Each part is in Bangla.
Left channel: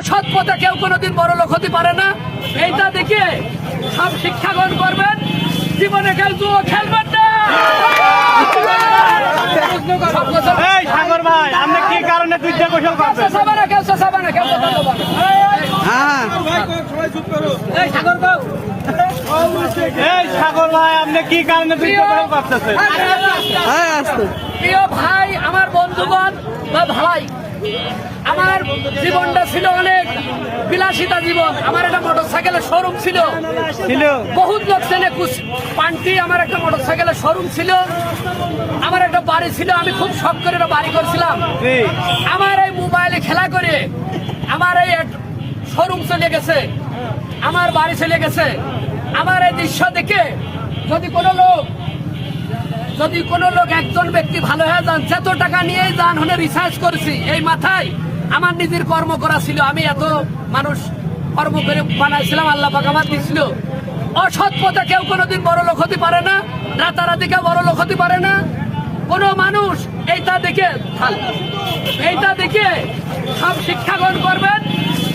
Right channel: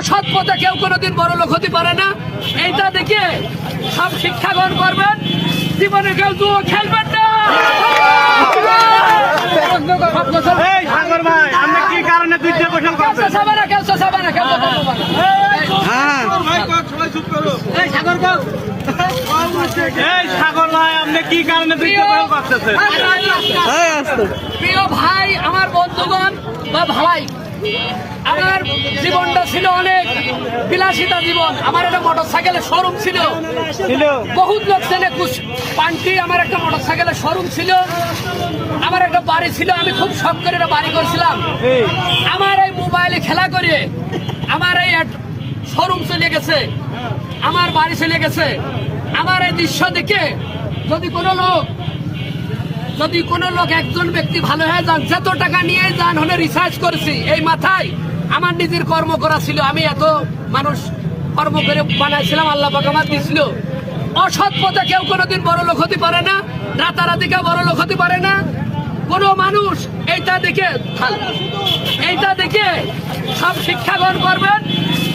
অসৎ পথে কেউ কোনোদিন বড় লোক হতে পারে না। এইটা দেখে সব শিক্ষা গ্রহণ করবেন। জীবনে কেউ জুয়া খেলবেন না। প্রিয় ভাই, আমার বন্ধুগণ বা ভাই, আমার জীবনটা ছিল অনেক বিলাসিতা জীবন। আমার একটা মোটরসাইকেলের শোরুম ছিল, বহুত লোক চেনে পান্টি। আমার একটা মোটরসাইকেলের শোরুম ছিল, আমার একটা বাড়ি ছিল। আমি খুব শখ করে একটা বাড়ি করছিলাম। আমার এই মোবাইলে খেলা করে আমার এই শোরুম চলে গেছে, আমার বাড়ি চলে গেছে। আমার এই দৃশ্য দেখে যদি কোনো লোক একজন ব্যক্তি ভালো হয়ে যান, যত টাকা নিয়ে যান হলে রিসার্চ করেছি এই মাথায় আমার নিজের কর্ম করা ছিল। আমি এত মানুষ কর্ম করে বানাইছিলাম, আল্লাহ পাক আমার দিয়েছিল। অসৎ পথে কেউ কোনোদিন বড় লোক হতে পারে না, রাতারাতি কেউ বড় লোক হতে পারে না। কোন মানুষ এইটা দেখে সব শিক্ষা গ্রহণ করবেন।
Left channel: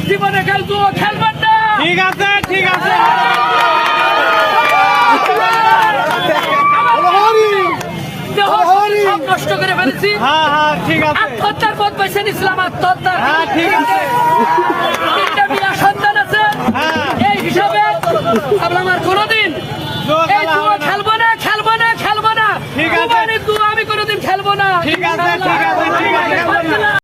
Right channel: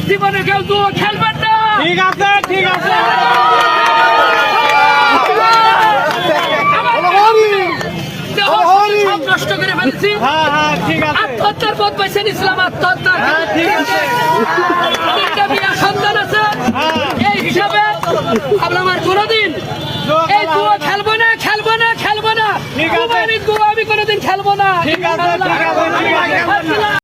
জীবনে কেউ জুয়া খেলবেন না। ঠিক আছে, ঠিক আছে। নষ্ট করে ফেলেছি। আত্মহত্যার পথ বেছে নিয়েছিলাম, আত্মহত্যা। তিনটা বিয়ার সন্তান আছে, এই হিসাবে আমার কোনোদিন